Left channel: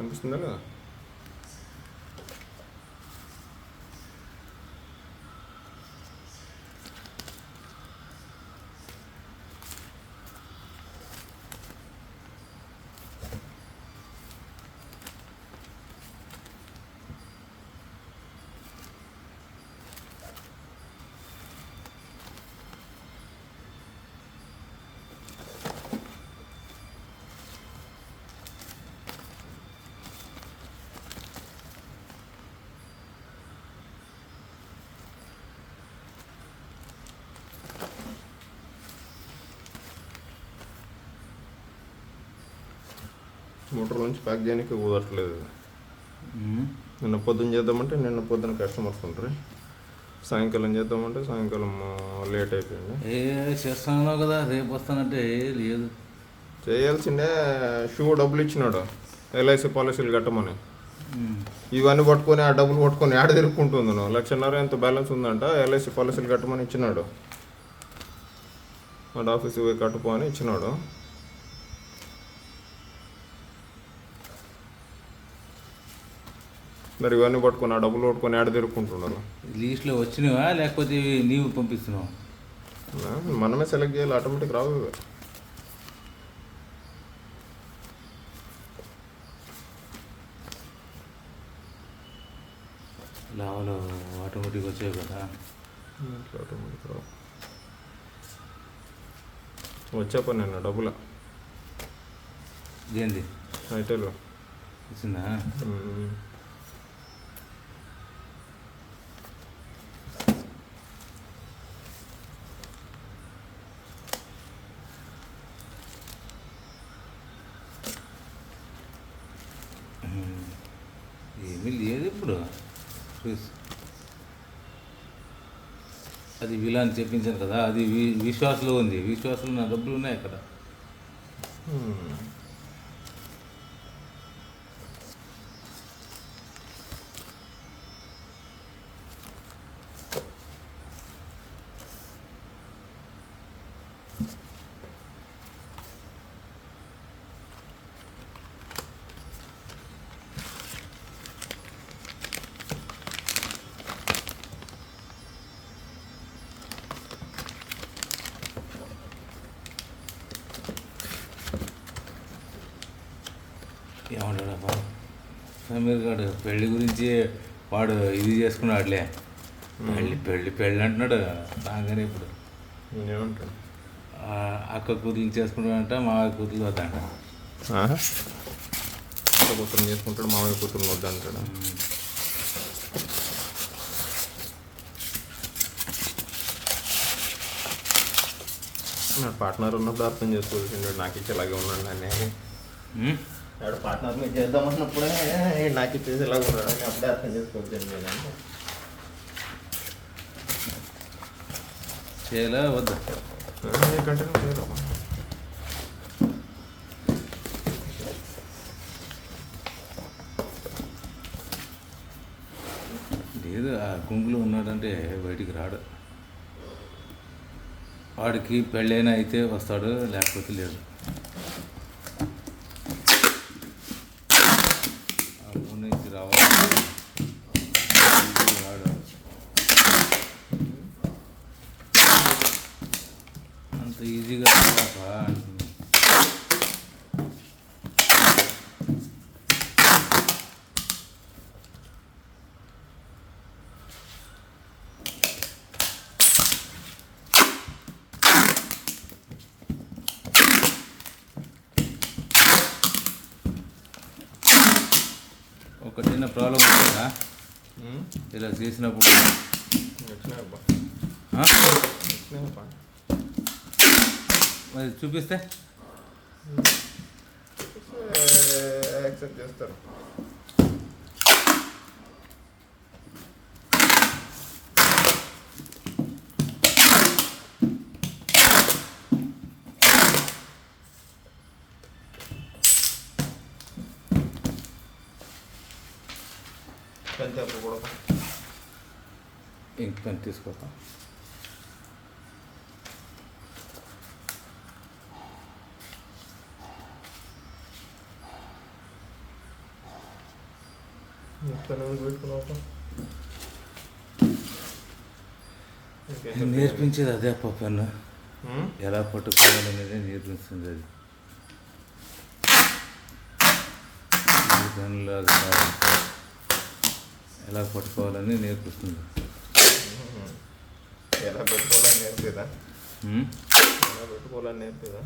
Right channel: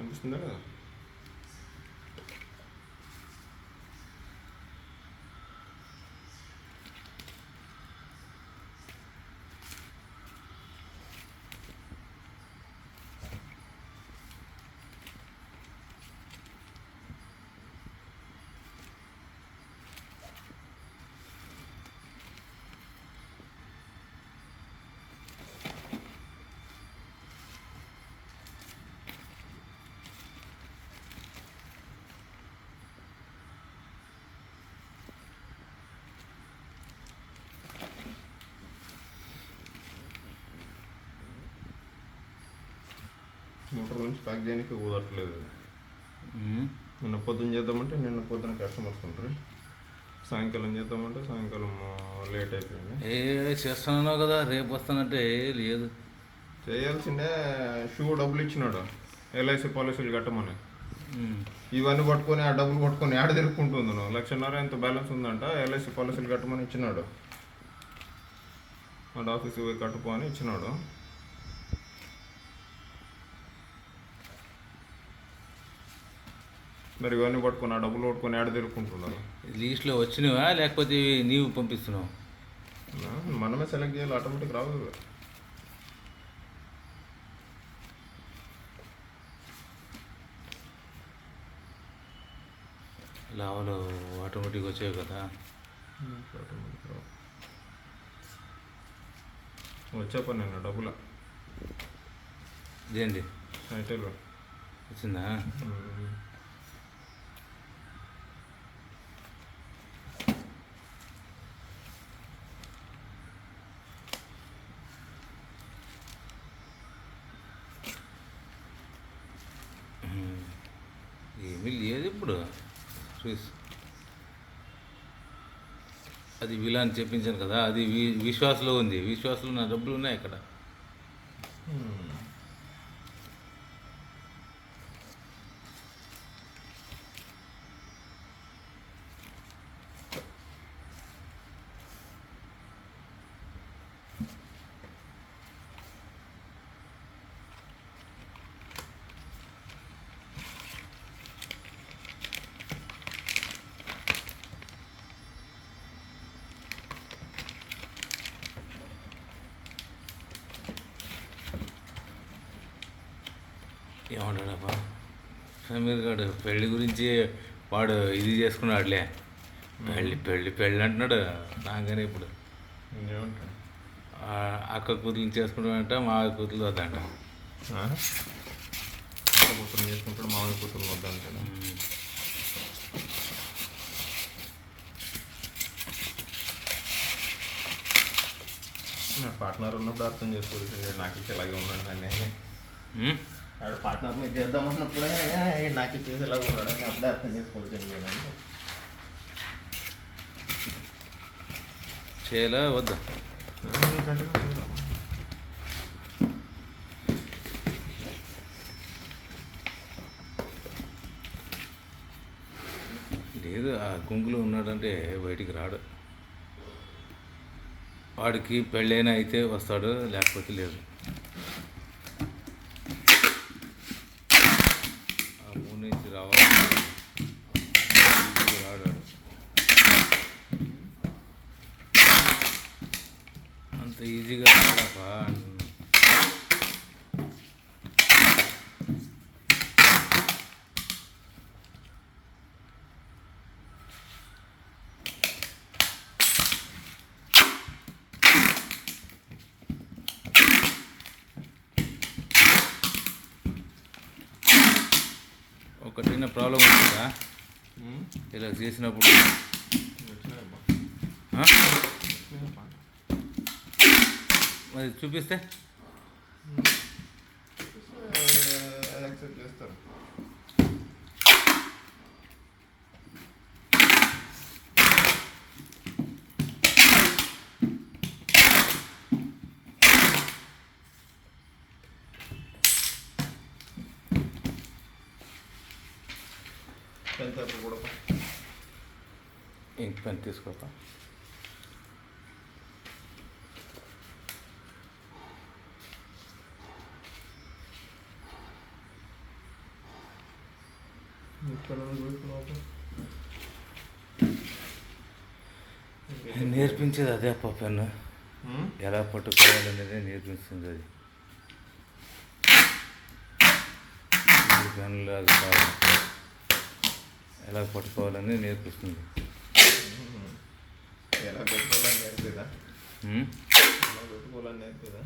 కనిపిస్తుందా కదా? మోటార్ నుంచి ప్యాక్ చేయడానికి కుదరట్లేదు. నిన్న పొద్దున్న చేద్దామంటే నిన్న పొద్దున కస్టమర్స్ ఉంటారు, సాయంకాలం చేద్దామంటే సాయంకాలం లేట్ అయిపోయింది. చేస్తున్నావు కదా, రేపు వస్తానంటే లేదు. చేయాల్సిందే. షూ డబ్బులు ఇచ్చినాడు ఎల్ఐసి పాలసీలు కట్టమని. ఇవన్నీ పట్టుకొని ఆ డబ్బులు పట్టుకొని ఆడ తిరుక్కుంటుంది. 1,50,000 ఎంత బ్యాలెన్స్ ఉందంట, ఎల్ఐసి పాలసీలు కట్టమని ఇచ్చినాడు. వాడు ఆఫీస్కి పోయి కట్టుకో అని ఇచ్చినాడు. మరి ఇవన్నీ పట్టుకొని ఆ డబ్బులు పట్టుకొని ఆడ తిరుక్కుంటున్నారు. లీస్ట్లో వచ్చినవా లేకపోతే నీవు పంపిస్తున్నావు? మనమే సెలెక్ట్ చేయాలి, ఆటోమేటిక్ రావు. లాభాలు ఆటోమేటిక్ వచ్చాయి కదా. ఆటోమేటిక్ రావు. వచ్చా పని నిన్న డబ్బుల ఏంది ఐటెల్ వచ్చిందా? ఏమీ లేదు ఇప్పుడు. అది వీలా అని చెప్పించాను కదా, అది విశ్వాసంలో ఉంది. విశ్వాసంలో నా డబ్బులు ఉన్నాయి అక్కడ. ఏమంటాడబ్బా సమీర్ గారు, పెళ్ళి గురించి వాడు ఇది చేసుకున్నాడులే. పెళ్ళి పెళ్ళి పెళ్ళి అంటున్నాడు రాగానే. ఇప్పుడు ఏమంటాడు? అక్క కూతురు చేసుకుంటాడంట, మా కూతురు వద్దంట. అక్క కూతురు చేసుకుంటాడు, మామయ్య కూతురు వద్దంటాడు. నా పార్ట్నర్ ఉన్నప్పుడు అర్థం చేసుకోవాల్సిండే. నాకు ఇచ్చి ఇలాగే ఉన్నాడు అని. ఆడ పార్ట్నర్ మీద చేద్దామన్నప్పుడే నాకు ఇచ్చేసి ఇలాగ ఉన్నాడు అని అప్పుడే అర్థం చేసుకోవాల్సింది. చేయలే వద్దా? లేదు, ఆ గుంపులో ఉన్నాడంటే బయటికి రాడు. వాడికి పెళ్ళైనా అయితే వస్తాడు, లేకపోతే లేదు. ఆ మూడు నుంచి రావాలి, రాడు. అంత ఈజీగా రాపా. ఒక చిన్న ప్రాబ్లం ఉంటుందా ఇలా చేసినప్పుడు? మరి చూపిస్తే యాక్సెప్ట్ చేస్తారు. ఇంక పెన్ తీసుకోపా. నేర్పించేది అదే అప్ప పెన్ను ఎలా పట్టుకోవాలనేది నేర్పిస్తుంది అది. ఈ పెన్నులు అది కాదు, ఎలా పట్టుకోవాలని నేర్పిస్తుంది. ఎలా పెట్టుకోవాలని నేర్పిదా? ఉమ్? ఎలా పెట్టుకోవాలని నేర్పిదా?